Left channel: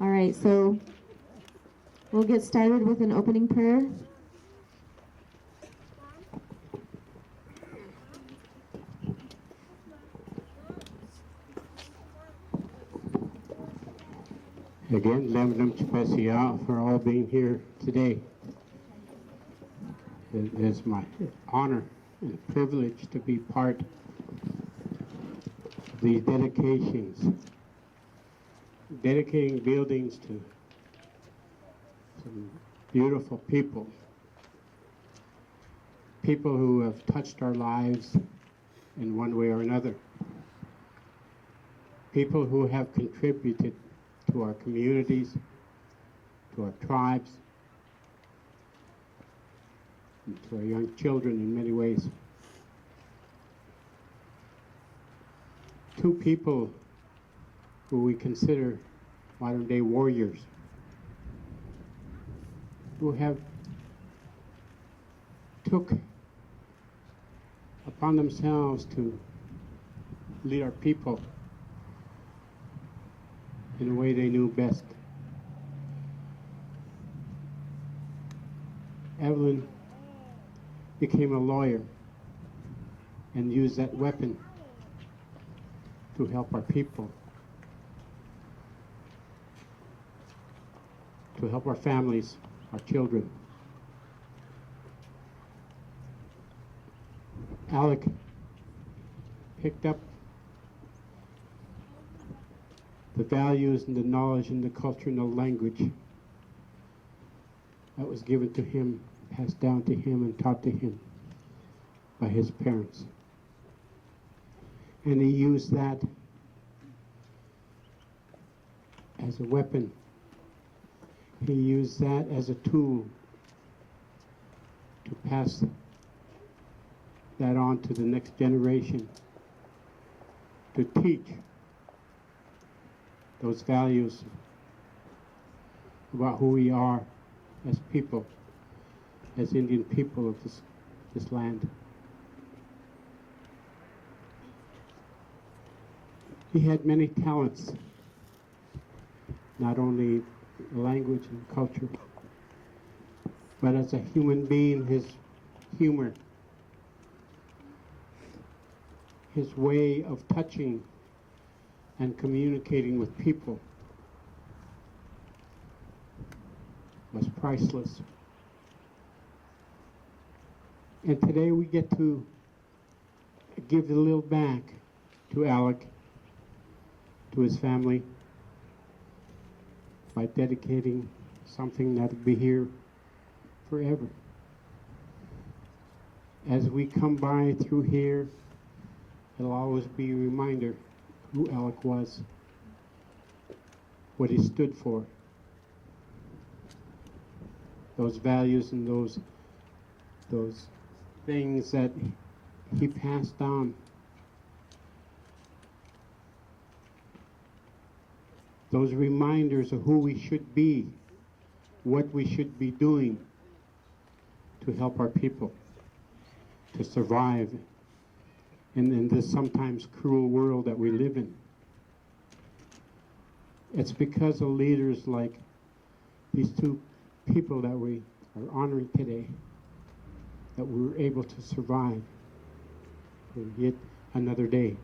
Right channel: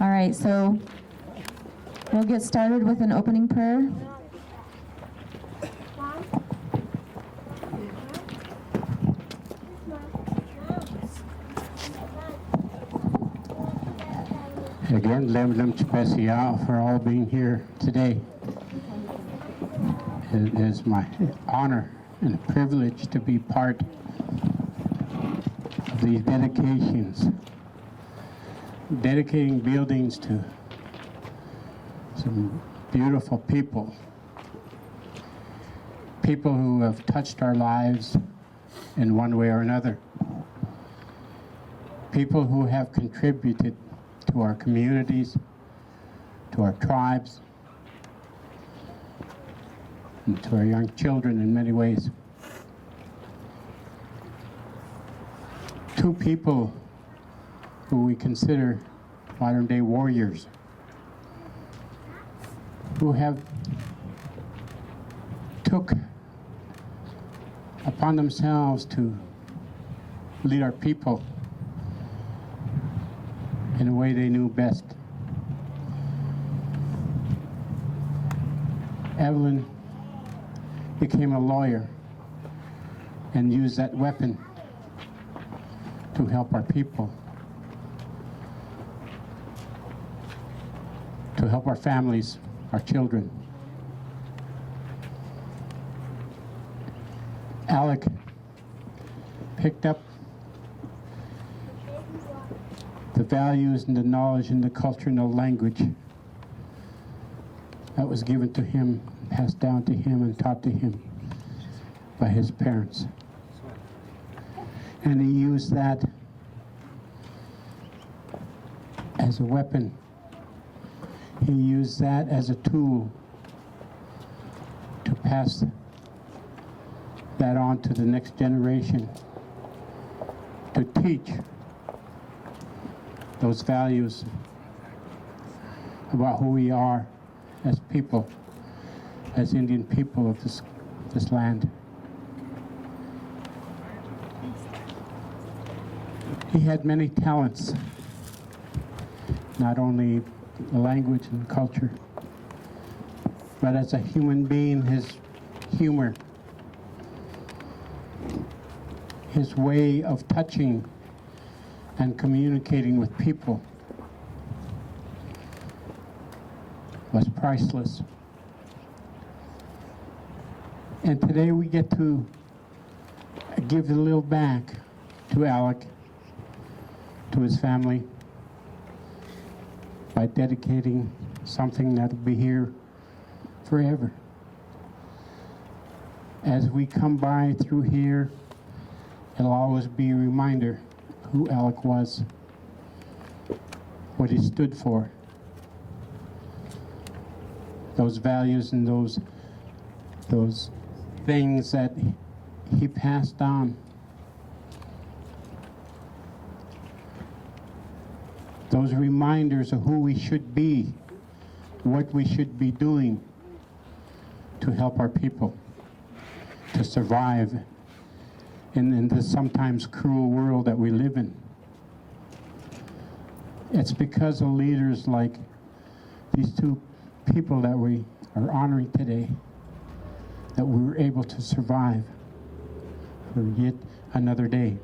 All right, so we'll get started with an opening prayer. Again, Lemlem Chpesia for all being here today. It is my honor and privilege to be part of these dedications, dedicating buildings to some beautiful people, people who have touched our lives in one way or another, people who have contributed to our communities, to our tribes, and to our young children in many ways. Two people who we consider modern-day warriors, who have took upon themselves to lead our people in a way they knew best. Evelyn became a lawyer and used that weapon to help our people, to help our families, our children. Alec picked up the values and the knowledge and the culture and the language that was given to him, passed down to him and taught to him by his parents. And he used that as a weapon. He used that as a tool to pass that on to the next generation, to teach those values about who we are as people, as Indian people of this land. He had many talents, not only the language and culture, but as a human being, his humor, his way of touching and communicating with people was priceless. And today we get to give a little back to Alec, to his family, by dedicating something that'll be here forever. As we come by through here, it'll always be a reminder who Alec was, what he stood for, those values and those things that he passed on. Those reminders of who we should be, what we should be doing to help our people to survive in this sometimes cruel world that we live in. It's because of leaders like these two people that we are honoring today that we were able to survive for yet another day.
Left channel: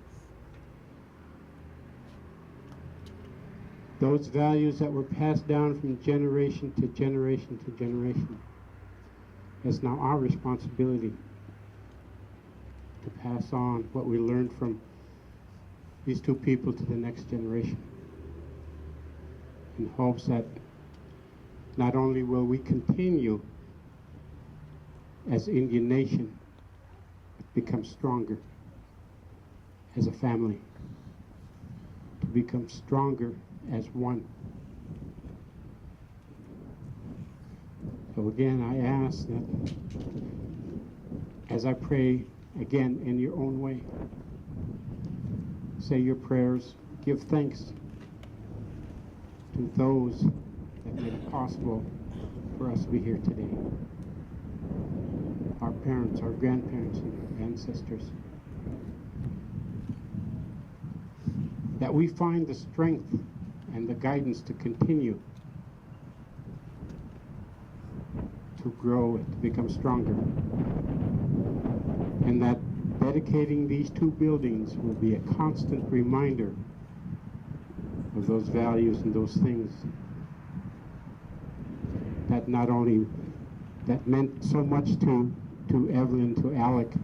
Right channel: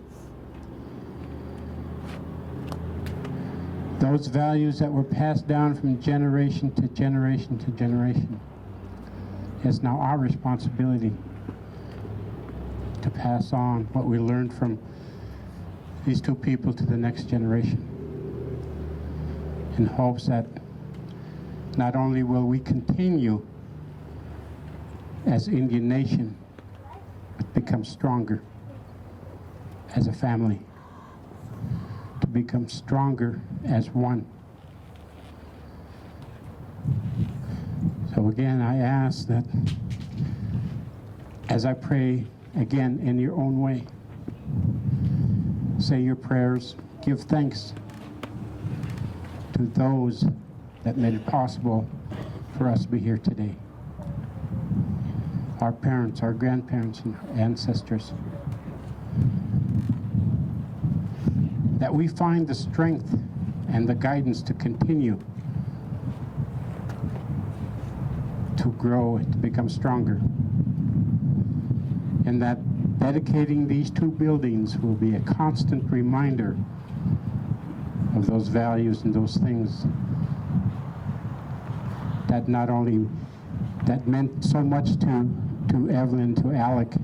Those values that were passed down from generation to generation to generation, it's now our responsibility to pass on what we learned from these two people to the next generation, in hopes that not only will we continue as Indian nation, but become stronger as a family, to become stronger as one. So again, I ask that as I pray, again, in your own way, say your prayers, give thanks to those that made it possible for us to be here today. Our parents, our grandparents, and our ancestors. That we find the strength and the guidance to continue to grow, to become stronger. And that dedicating these 2 buildings will be a constant reminder of those values and those things that not only that meant so much to Evelyn, to Alec,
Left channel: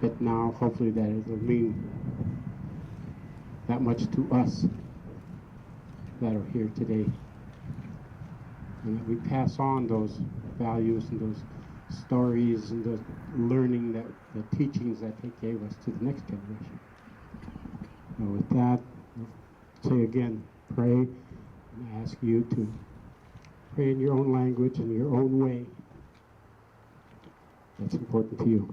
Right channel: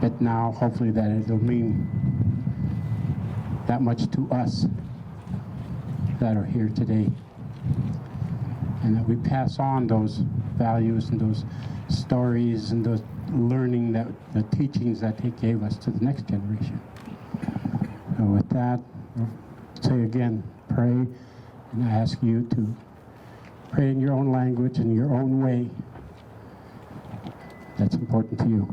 but now hopefully that it'll mean that much to us that are here today, and that we pass on those values and those stories and those learning, that the teachings that they gave us, to the next generation. So with that, I'll say again, pray, and I ask you to pray in your own language, in your own way. That's important to you.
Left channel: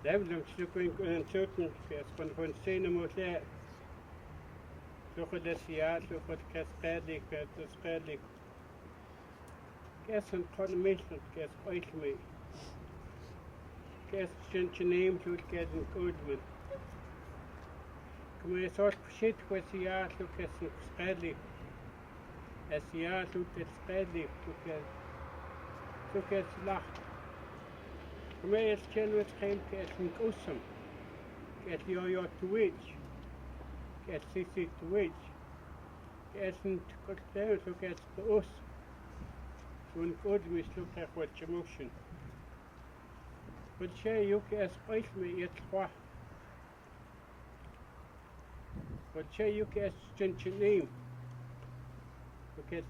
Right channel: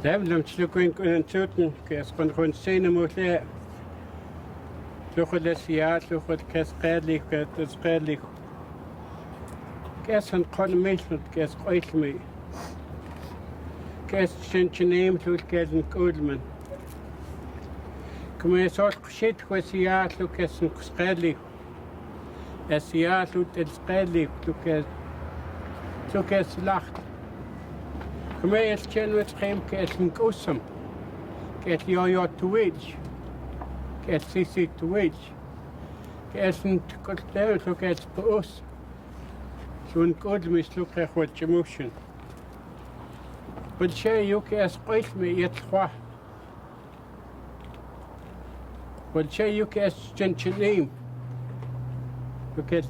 Dem slukken kunnen zuten, kes kon gewoon zien moeten. Slukken les jaar, slukken kes redelijk, kes redelijk. Kes een kon meestal, kes ooit mee. Kes zijn neem, slukken kes een koelman. Kom je zo shit, kes jaar, slukken kes een redelijk. Es jaar, slukken kes redelijk, slukken kes lacht. Kom je eens met geen kes een koosem. Kes jou te weet. Kes sisi te weet. Kes een kosteel, zo kes poos. Zo'n koolm is zo krijg wat je motion. Want jij ook kes ooit mee het qua. Want jij ook kes gentje neem. Kes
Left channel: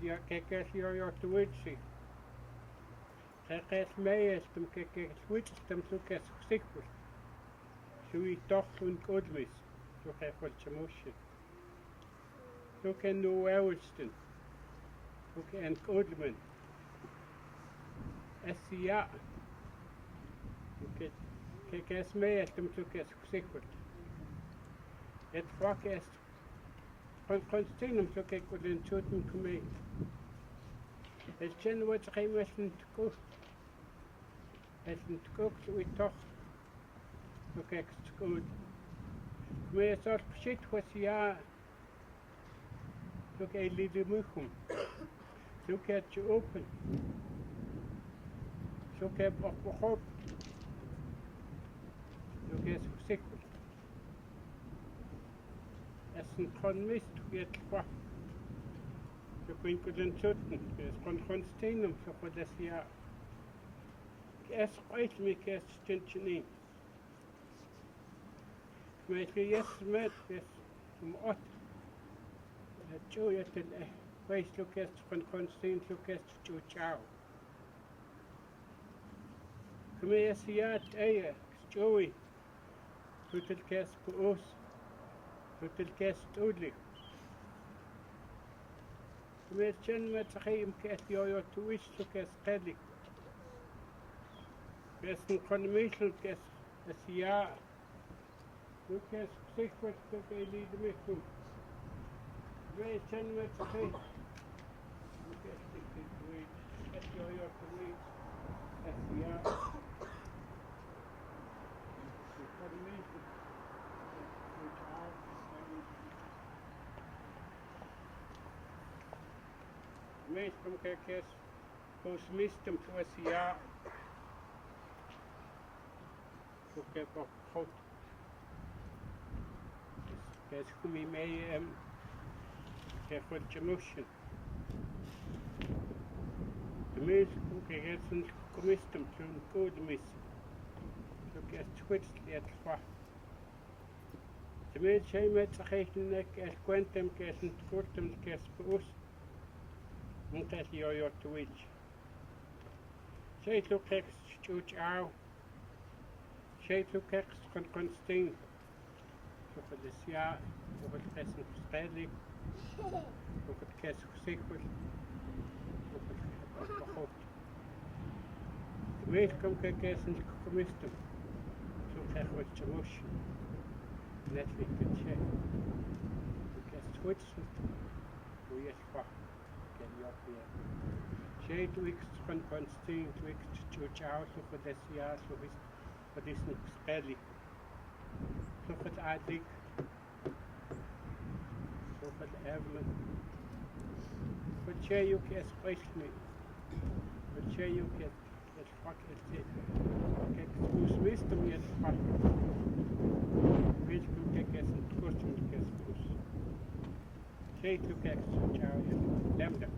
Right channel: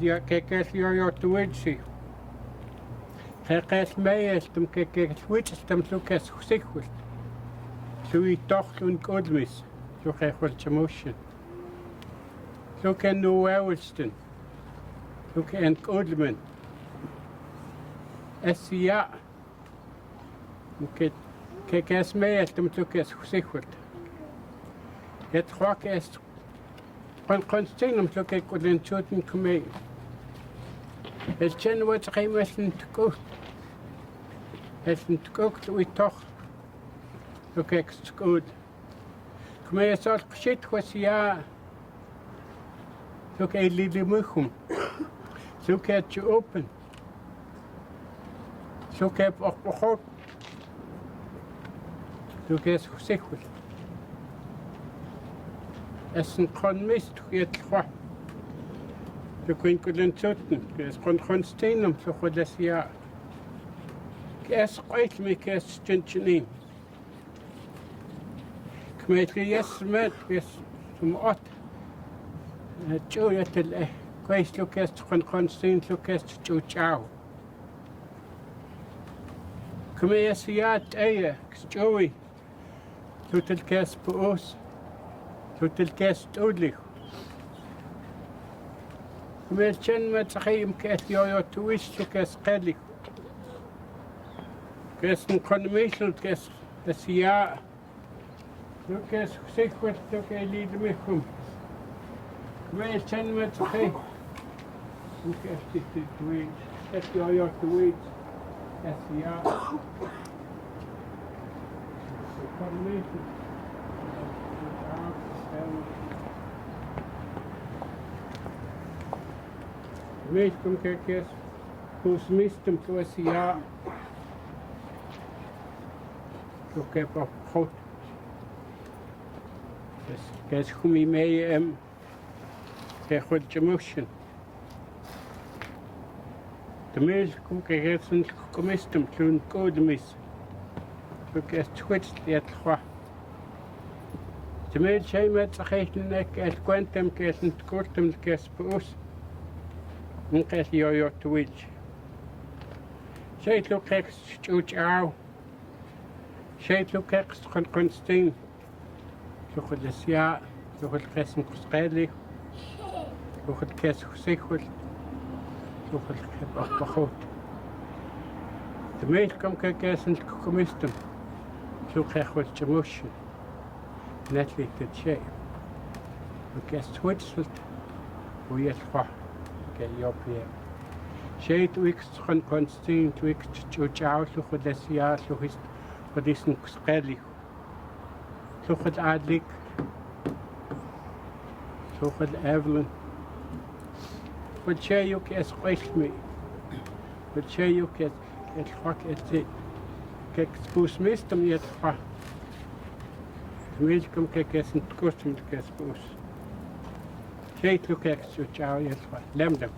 jou te weet zie. Kes mij is hem kes wits hem zo kes gezicht wordt. Zo je toch zo'n koolm is. Zo krijg wat je motion. Zo kan no oudersten. Zo kan een koolman. Ja. Kijk eens mee als hem zo kes gezicht wordt. Het gwak is van zien om zo kijk wat een zoten komen. Het zijn wat geen mensen te koop. Het is te koop zo je toch. Zo kijk het goed. Kom je zo shit was ja. Zo kijk je moeilijk. Zo kijk je open. Zo kijk je ook begonnen. Zo kijk je gezicht wordt. Het is een gewoon mist, je het gewoon. Zo kun je kunnen zoeken. Het is gewoon steen om zo goed als ja. Kes ooit mee kes stentje neem. Ik weet je yes met kes om at. Zo je het kwijt zo kes gewoon steen zo kes zo ciao. Kom je eens ja het eieren, Joey. Zo het kes poos. Zo het kes dodelijk. Kom je eens met geen kes jou te wist zo kes redelijk. Kes een condition kes dat ja. Zo kes gezegd wordt zo kan je lieden mee komen. Kom je eens met geen. Zo kes dit te weten. Dat jou te weten. Dat ja. Condition. Weet kom kijk eens. Hoe smist hem zoals ja. Zo kijk op goed. Dus kijk hoe je mee kijk wat je motion. De meeste kijk eens een commistem zo'n code mis. Zo kijk switch die het gaat. De meeste zijn met zich een kijk quantum kijk een kortem kijk poos. En kijk jou te witch. Shade look extra. Shade look extra constant. Look at this year. Look at Christmas Skedley. Look at Kiss Sequel. Look at Bachot. The main come Kiss and Commistum. Look at what Jamush. Netly did shade. Look at Switzerland. We at Fa. Get your PM. Shade weeks constant weeks to out. Look at this year. Look at what is in Skedley. Look at Adlik. Look at Evelyn. But she you can squash me. But she you can rock at it. Kijk, spoes mist hem niet van. Weet je, kom kijk eens een kostuum te kijken spoes. She look extra ciao yes van lemdam.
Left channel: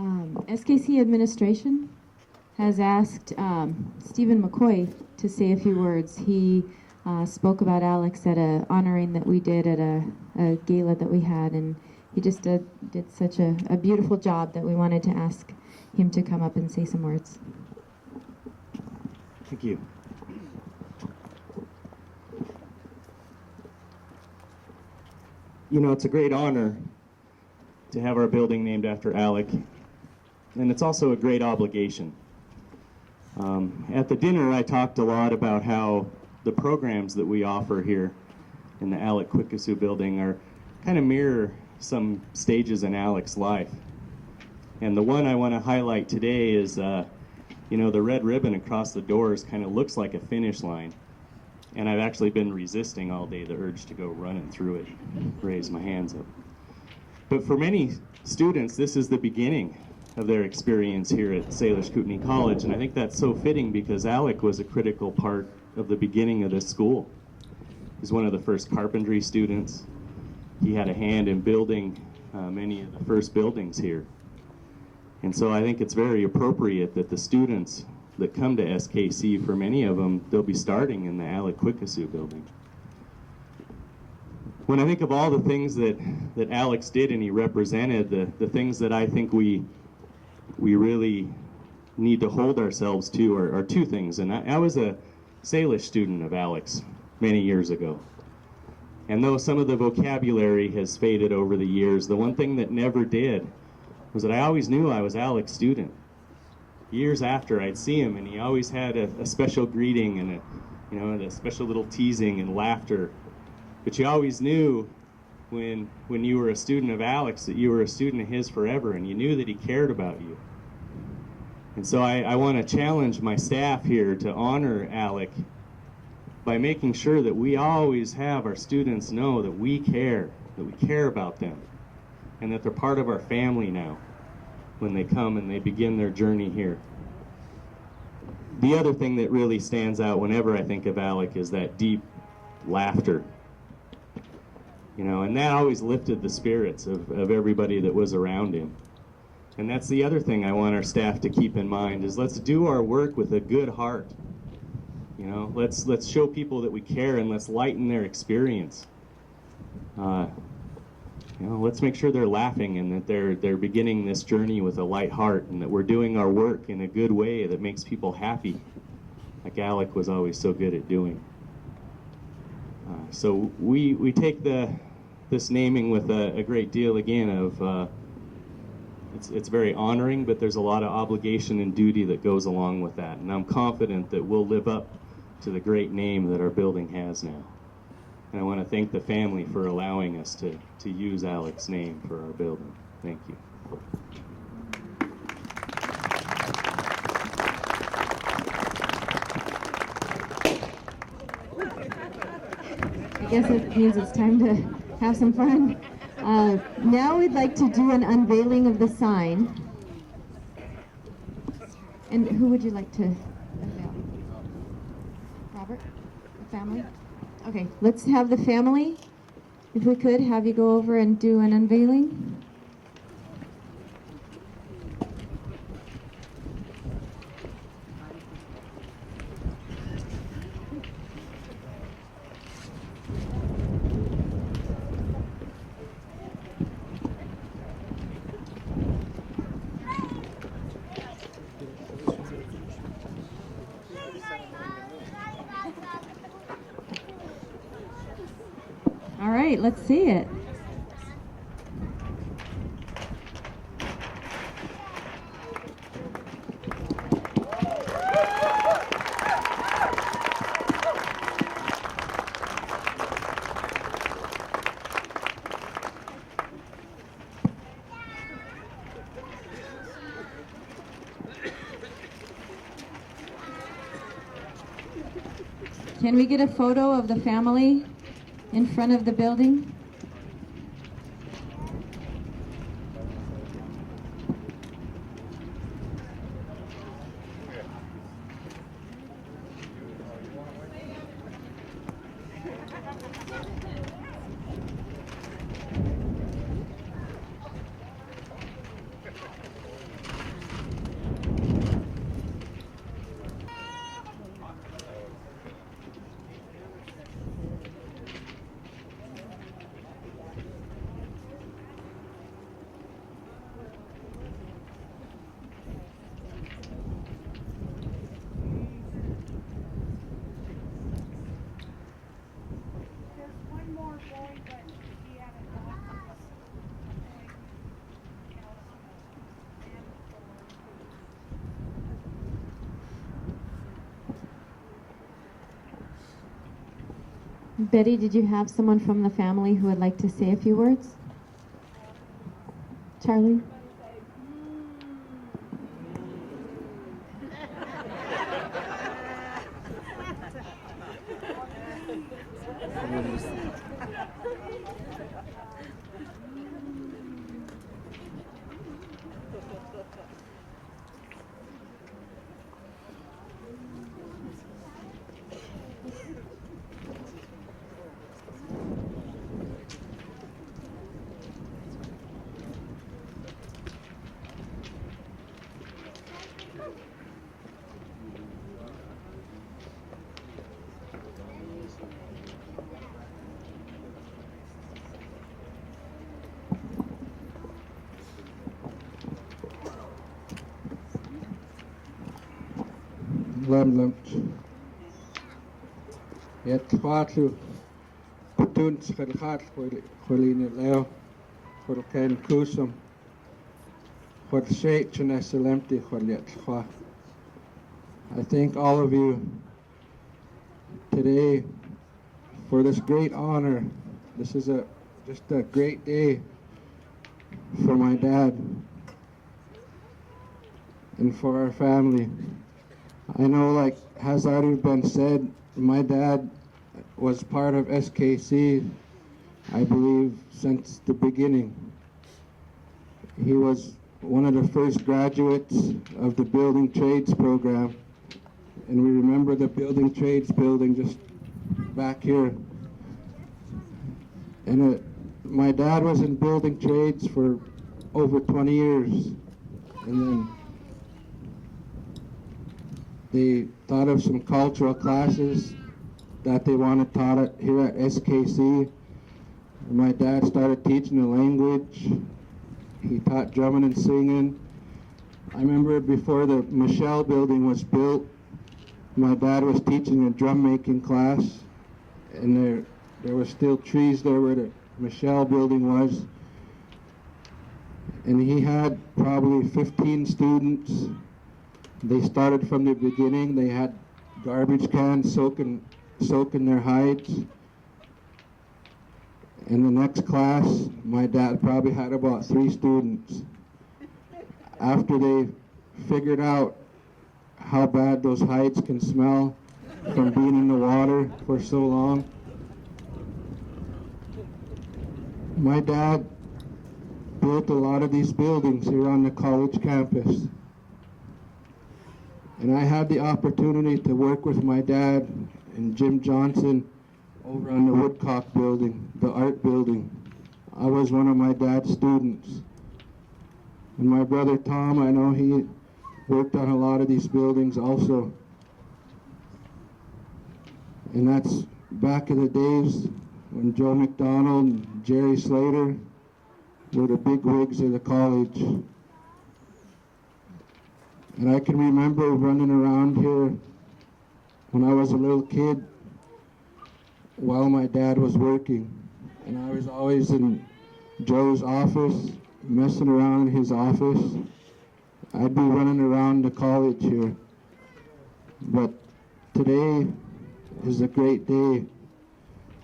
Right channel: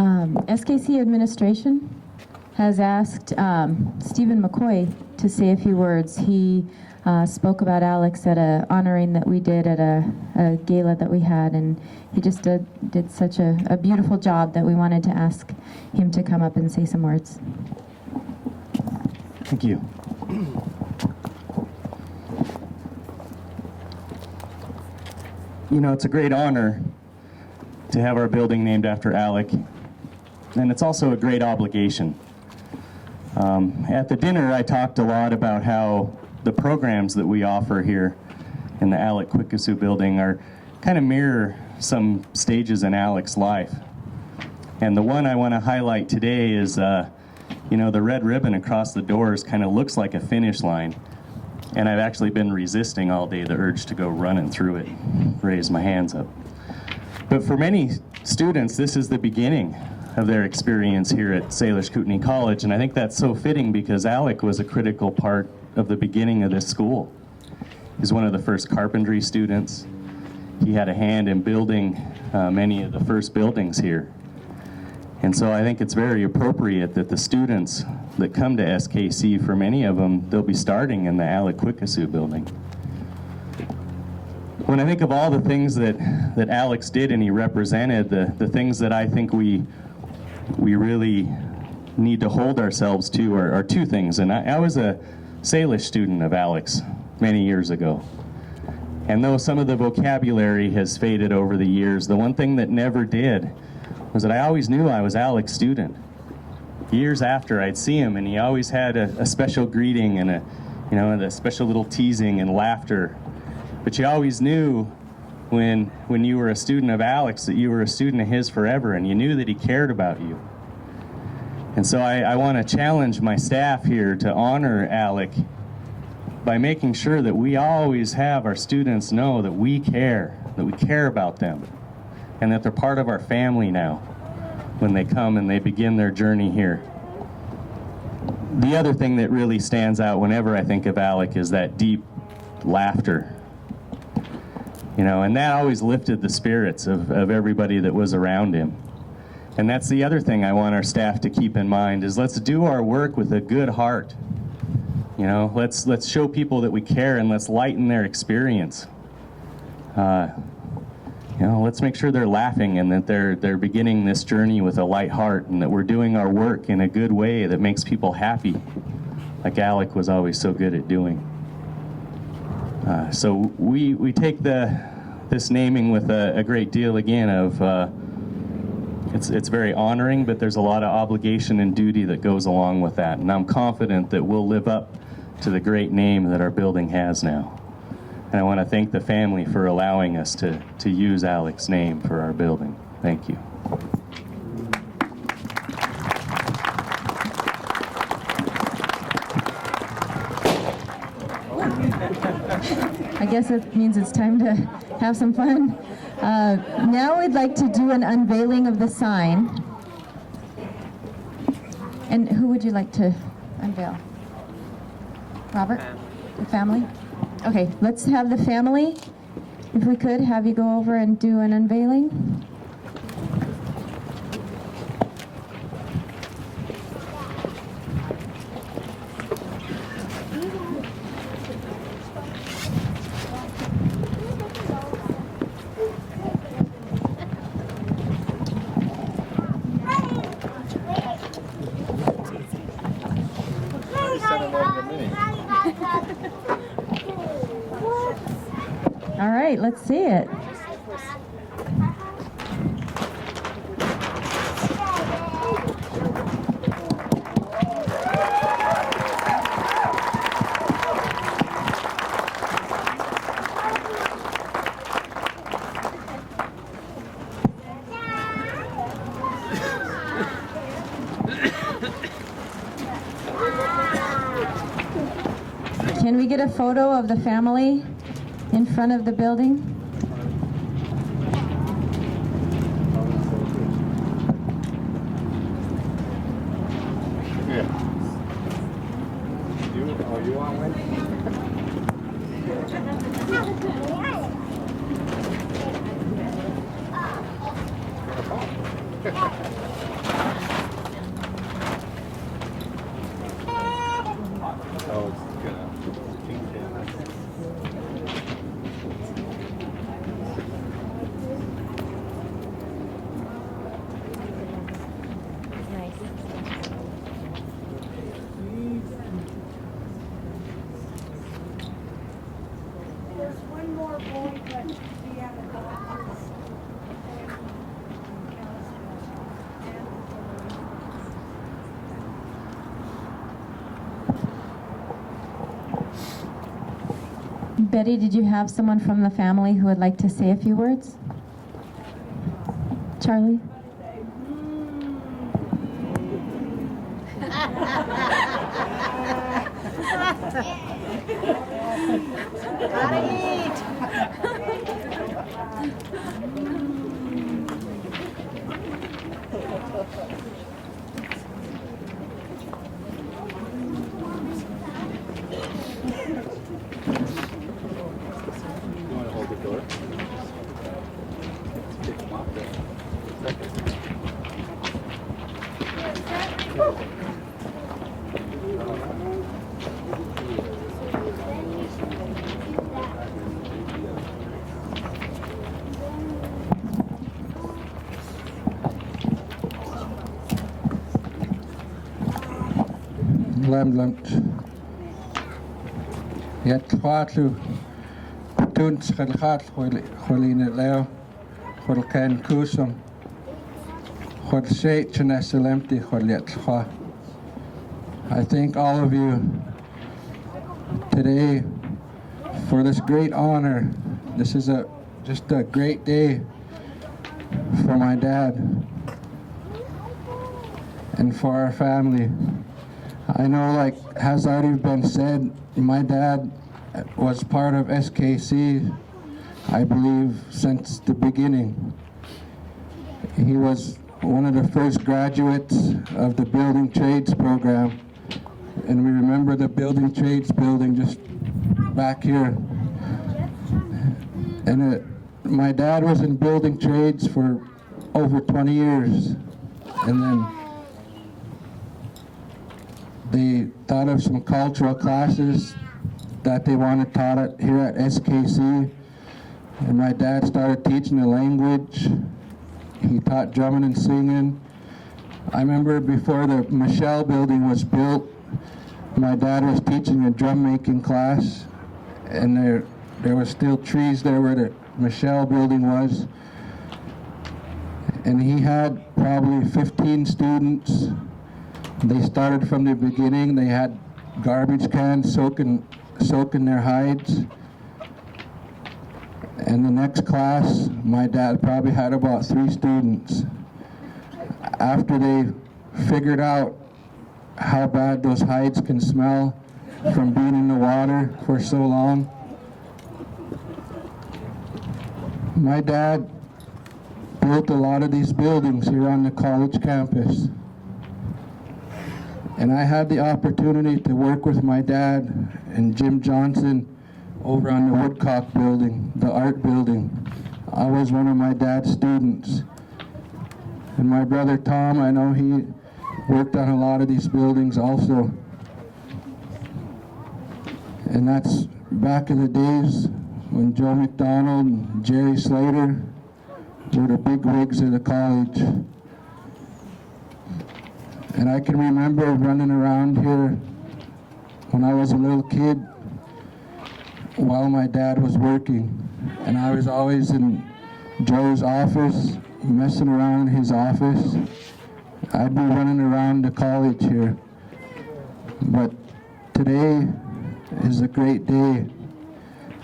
SKC administration has asked Stephen McCoy to say a few words. He spoke about Alex at a honoring that we did at a gala that we had, and he just did such a beautiful job that we wanted to ask him to come up and say some words. Thank you. You know, it's a great honor to have our building named after Alec, and it's also a great obligation. At the dinner, I talked a lot about how the programs that we offer here in the Alec Quequesah Building are kind of mirror some stages in Alec's life. And the one I want to highlight today is, you know, the red ribbon across the doors kind of looks like a finish line. And I've actually been resisting all day the urge to go running through it, raise my hands up. But for many students, this is the beginning of their experience here at Salish Kootenai College, and I think that's so fitting because Alec was a critical part of the beginning of this school. He's one of the first carpentry students. He had a hand in building many of the first buildings here. And so I think it's very appropriate that the students that come to SKC, for many of them, they'll be starting in the Alec Quequesah Building. When I think of all the things that Alex did and he represented, the things that I think we really need to hold ourselves to are two things. And I was a Salish student of Alex many years ago. And though some of the vocabulary has faded over the years, the one thing that never did was that I always knew I was Alec's student. Years after, I'd see him, and he always had a special greeting and a special little teasing and laughter. But you always knew when you were a student of Alex that you were a student of his forever, and you knew that he cared about you. And so I want to challenge my staff here to honor Alec by making sure that we always have our students know that we care about them, and that they're part of our family now when they come and they begin their journey here. The other thing that really stands out whenever I think of Alec is that deep laughter. You know, and that always lifted the spirits of everybody that was around him. And that's the other thing I want our staff to keep in mind is let's do our work with a good heart. You know, let's show people that we care and let's lighten their experience. You know, let's make sure they're laughing and that they're beginning this journey with a light heart and that we're doing our work in a good way that makes people happy, like Alec was always so good at doing. So we take this naming with a great deal, again, of it's very honoring, but there's a lot of obligation and duty that goes along with that. And I'm confident that we'll live up to the great name that our building has now. And I want to thank the family for allowing us to use Alec's name for our building. Thank you. I guess it means it's time to have some fun. Now we'd like to do an unveiling of the sign. And who would you like to unveil? Robert? The family? Okay, let's have the family, if we could, have you go over and do an unveiling. All right, let's see it. Can we get a photo of the family in front of the building? Yeah. Are you on one? Betty, did you have someone from the family who would like to say a few words? Charlie? Lamlamt. Yet Quatu Tuns Helhat Holina Leo Holkan Kusum Hol Sheit Chanesalemti Holyat. I thank all of you today for this great honor. This is just a great day for my dad and for our family. I know, like has already been said, my dad was part of SKC, I believe, since the beginning. He was one of the first graduates of the building trades program, and we remember the building trades building just back here. And my dad was in building trades for over 20 years, and then they thought of some cultural classes that they wanted taught here at SKC, and my dad started teaching the language. He taught drumming and singing. I remember before the Michelle building was built, my dad was teaching a drum making class, and there were still trees there where the Michelle building was, and he had probably 15 students. They started from the beginning. They had garbage cans soaking their hides. And the next class, my dad probably had about 3 students. After they figured out how bad those hides can smell from being in the water for so long, my dad built a lot of these buildings here on the college campus. And I had the opportunity to work with my dad and Jim Johnson over on the Woodcock building, the art building. I was one of my dad's students. And my brother Tom, I know he worked on a lot of these buildings also. And that's back in the days when Joe McDonald and Jerry Slater were the big wigs of the college. And I can remember running around here when I was a little kid while my dad was working. And I was always in Joe's office, messing around in his office. I'd be running around the college here. But today is a great day.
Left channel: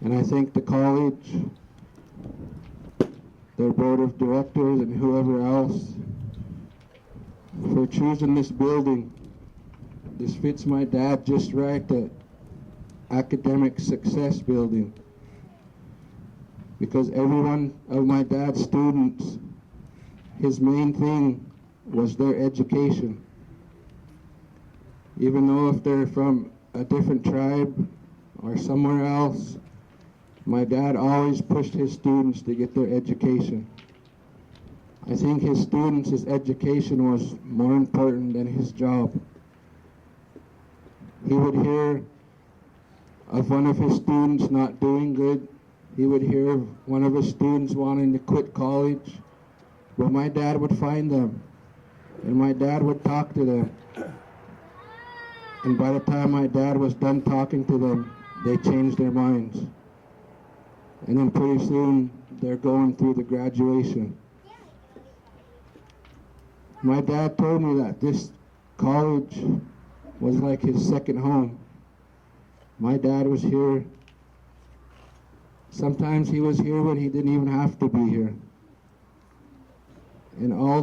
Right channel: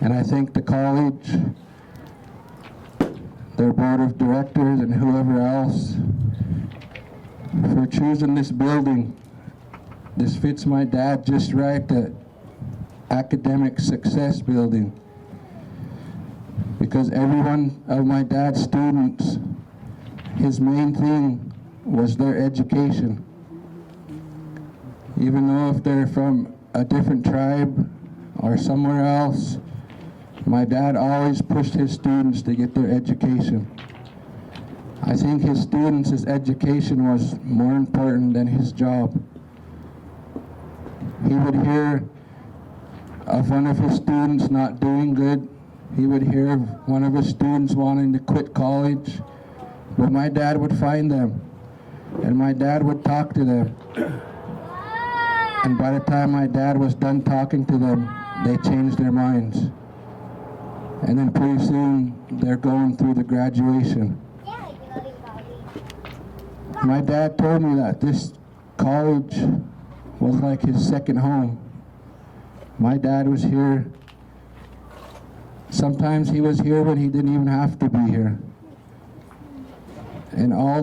And I thank the college, their board of directors, and whoever else for choosing this building. This fits my dad just right, the academic success building. Because every one of my dad's students, his main thing was their education. Even though if they're from a different tribe or somewhere else, my dad always pushed his students to get their education. I think his students' education was more important than his job. He would hear of one of his students not doing good. He would hear of one of his students wanting to quit college. But my dad would find them, and my dad would talk to them. And by the time my dad was done talking to them, they changed their minds. And then pretty soon they're going through the graduation. My dad told me that this college was like his second home. My dad was here. Sometimes he was here when he didn't even have to be here. And all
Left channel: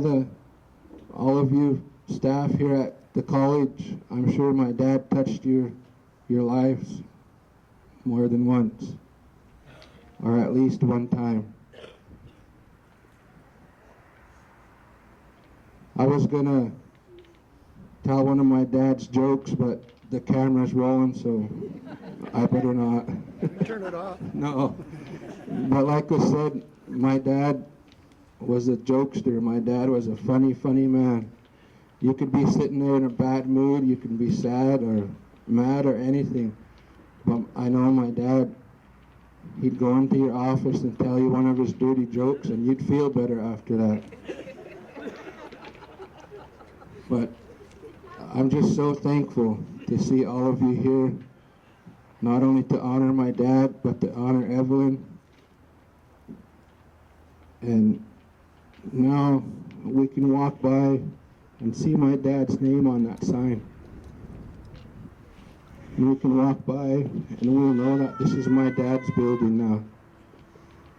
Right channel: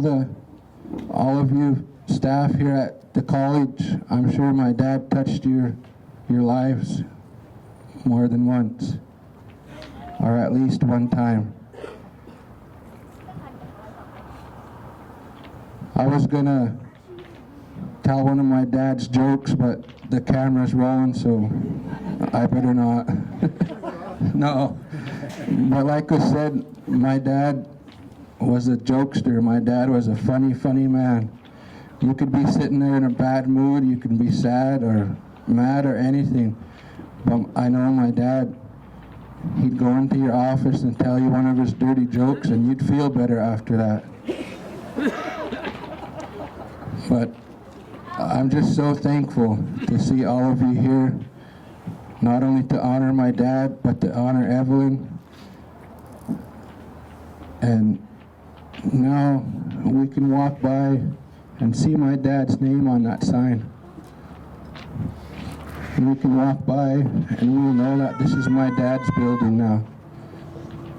of you staff here at the college, I'm sure my dad touched your lives more than once, or at least one time. I was gonna tell one of my dad's jokes, but the camera's rolling, so I better not. Turn it off. No. But like I said, my dad was a jokester. My dad was a funny, funny man. You could be sitting there in a bad mood, you could be sad or mad or anything. But I know my dad, he'd go into your office and tell you one of his dirty jokes and you'd feel better after that. But I'm just so thankful to see all of you here, not only to honor my dad, but to honor Evelyn. And now we can walk by and see my dad's name on that sign. And we can walk by and we'll know that this is my dad's building now.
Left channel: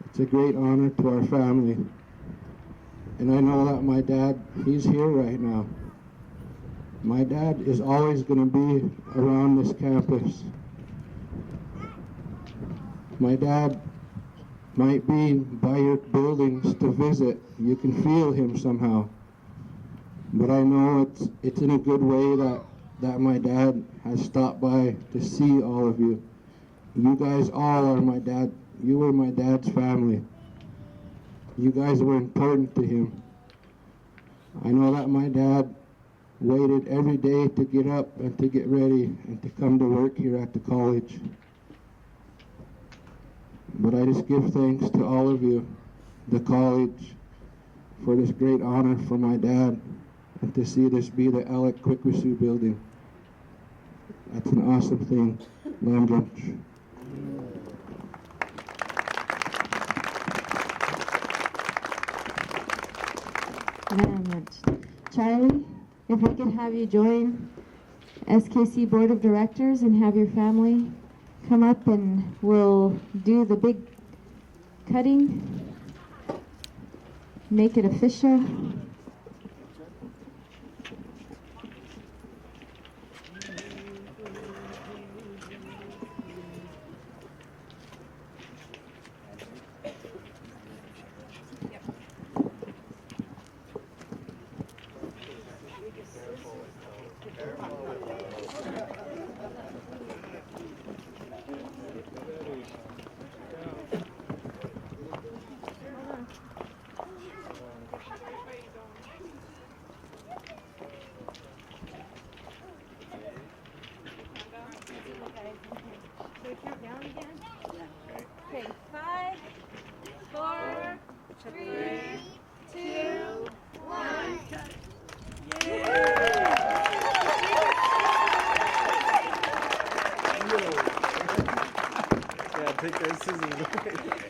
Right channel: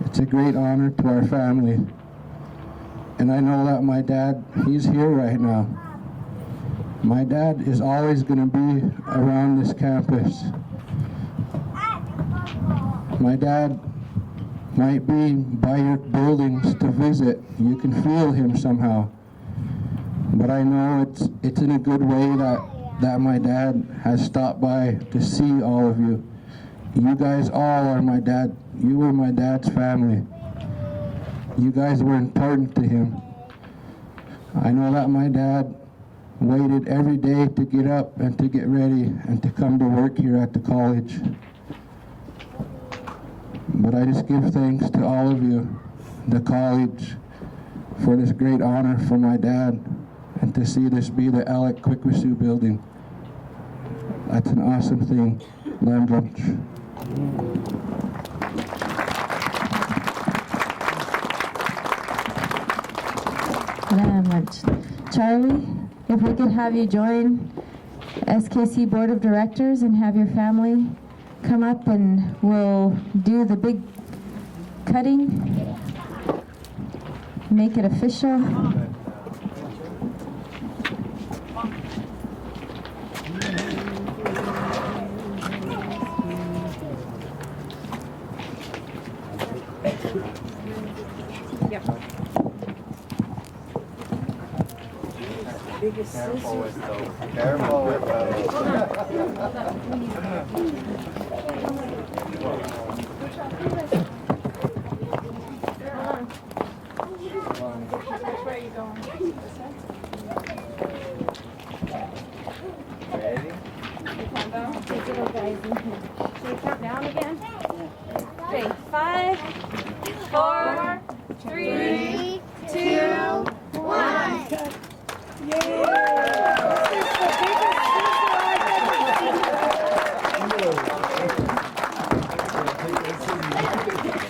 It's a great honor to our family. And I know that my dad, he's here right now. My dad is always going to be around this campus. My dad might be by your buildings to visit. You can feel him somehow. But I know it's in a good way that my dad has stopped by to see all of you. You guys all are my dad. You were my dad's family. You guys were important to him. I know that my dad waited every day to get up and to get ready and to come to work here at the college. But I just give thanks to all of you, the college, for this great honor for my dad and to see this be the Alec Quequesah Building. That's an awesome thing. Lamb lunch. Lamb lunch. Charlie, if we could have you join SKC Board of Directors and have your family come up and we'll do the big cutting, make it official. Careful with those. Careful with Ready? Digital guys in here. Should we count down again? Okay, 5, 4, 3, 2, 1.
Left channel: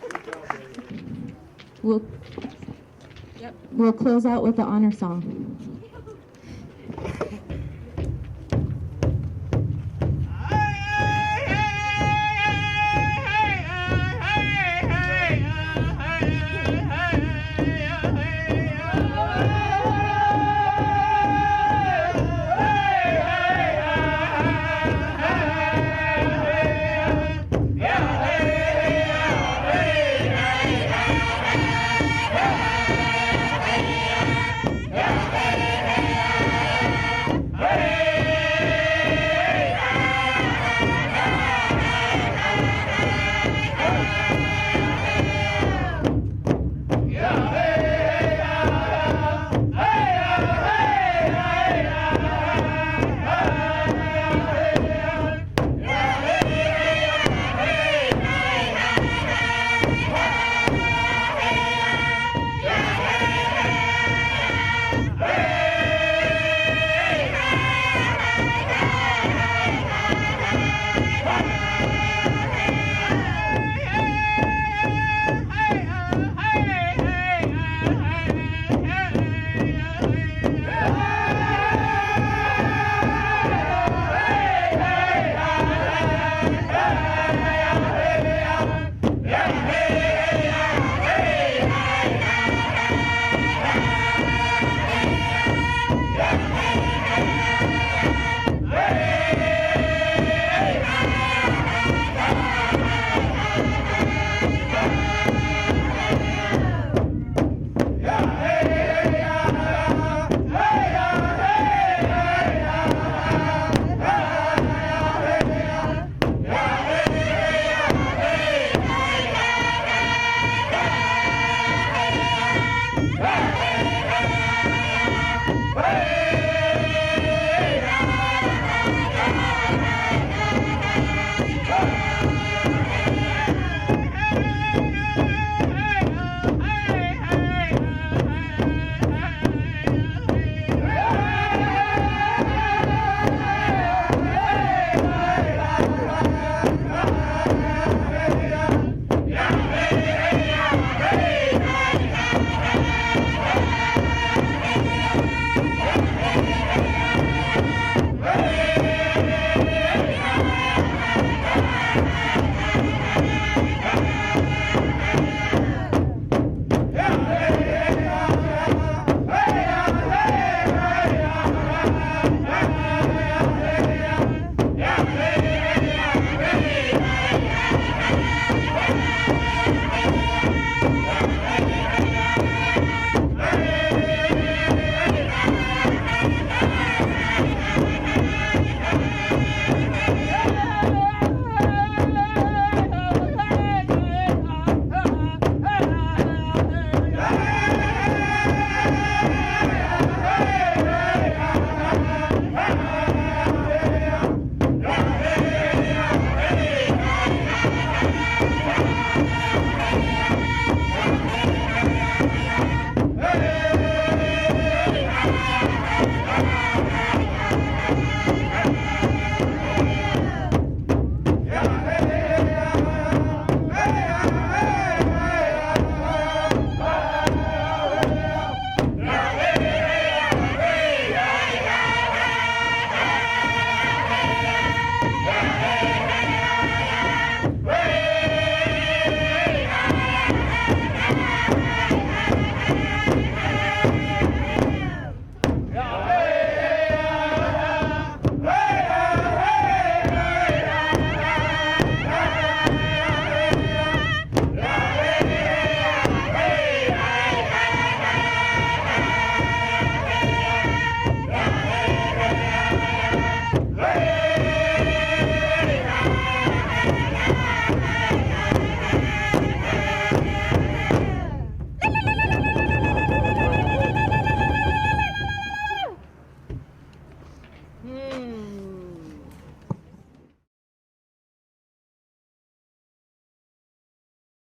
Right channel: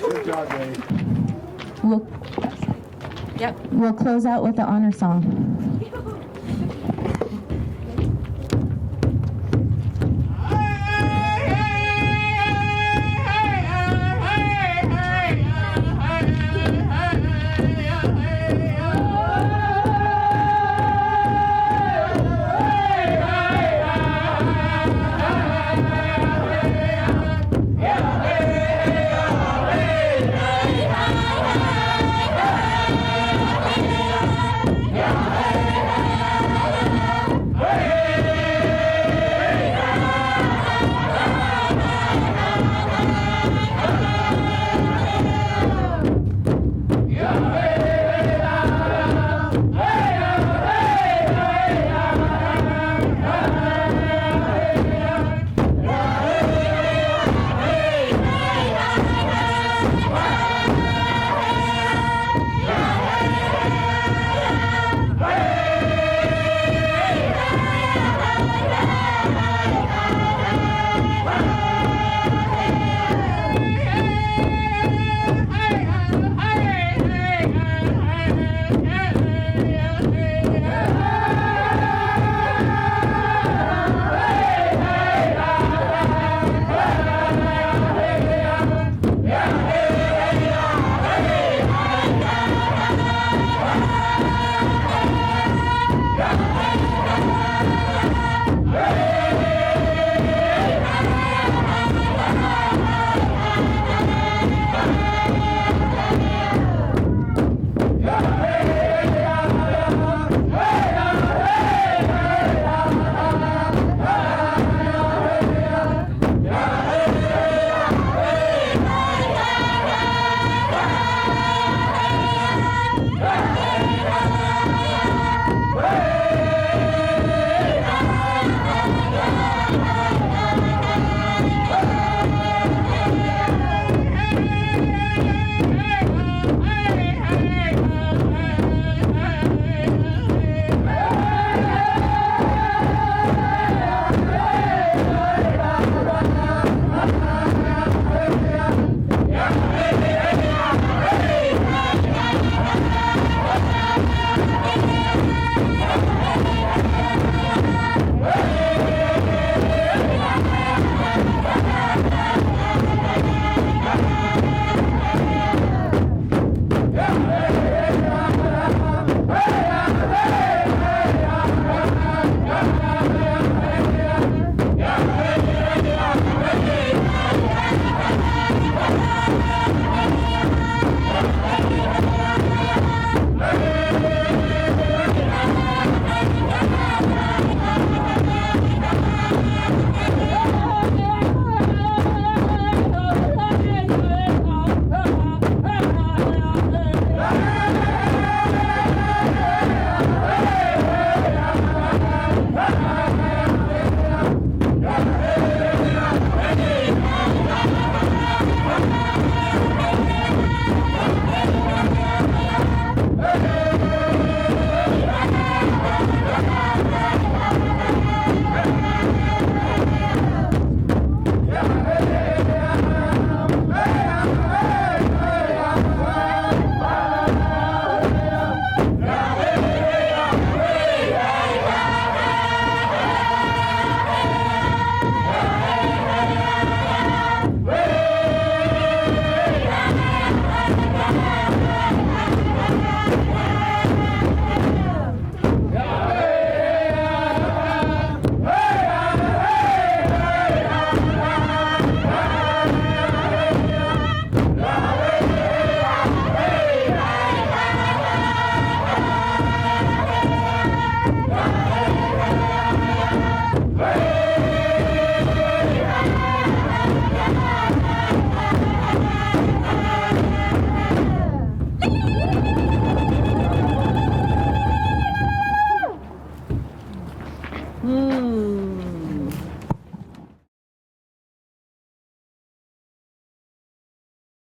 Good job, Ray. We'll close out with the honor song.